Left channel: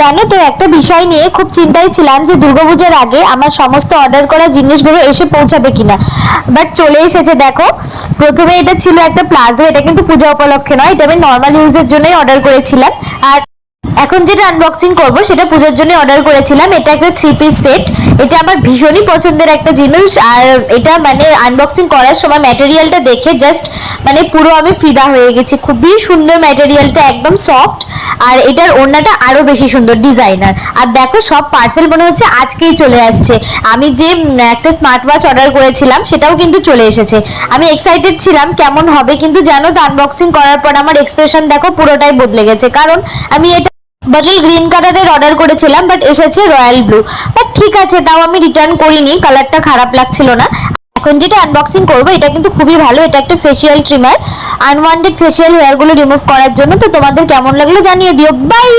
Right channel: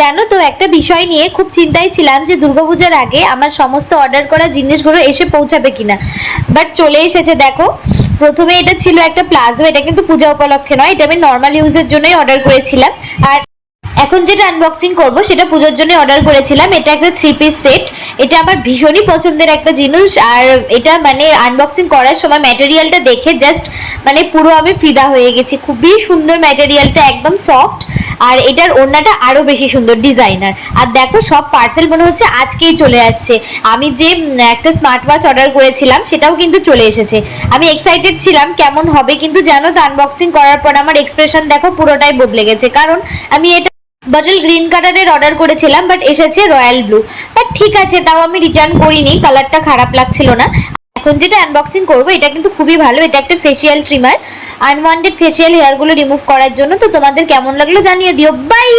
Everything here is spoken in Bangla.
জানো তো, একটা বিষয় নিয়ে খুব চিন্তায় ছিলাম যে দুর্গাপূজার আগে আমার সমস্ত অর্ডার করা জিনিসগুলো এসে পৌঁছাবে কিনা। বাট চলে এসেছে দেখো। প্রথমে এটা ছিল একটা প্লাজো, এটা কিন্তু পূজা উপলক্ষে নয়, এটা আমি নর্মাল ইউজের জন্যই অর্ডার করেছিলাম। আর এখন যেটা আনবক্সিং করব সেটা পূজার জন্য অর্ডার করেছিলাম। এটা একটা 3 পিস সেট। এটা আমার ভীষণই পছন্দের একটা জিনিস। আর এটা মানে আনবক্সিং করার সময় ম্যাটেরিয়ালটা দেখে জাস্ট মানে পুরো আমি ফিদা হয়ে গেছি। খুবই সুন্দর ম্যাটেরিয়ালটা, একদম সফট। আর এটার ওড়নাটা আরো বেশি সুন্দর ডিজাইনার। আর দেখো, সব পার্সেল মনে হচ্ছে আজকেই চলে আসছে। আমি যে একটা স্মার্ট ওয়াচ অর্ডার করেছিলাম সেটাও কিন্তু চলে এসেছে। আমি এক্সাইটেড ছিলাম কেমন হবে, কিন্তু জানো তো আনবক্সিং করার পর আমার এক্সপ্রেশন দেখো পুরোটাই বদলে গেছে। কারণ আমি এটা বটল গ্রিন কালারের অর্ডার করেছিলাম, বাট এসেছে রয়্যাল ব্লু। বাট ঠিক আছে, তাও আমি রিটার্ন করিনি, কালারটা খারাপ লাগছিল না। এখন যেটা আনবক্সিং করবো এটা কিন্তু খুবই ভালো। এটা একটা ফেসিয়াল ট্রিমার, আনওয়ান্টেড ফেসিয়াল হেয়ারগুলো রিমুভ করার জন্য। তো তোমাদের কেমন লাগলো জানিয়ে দিও। বাই।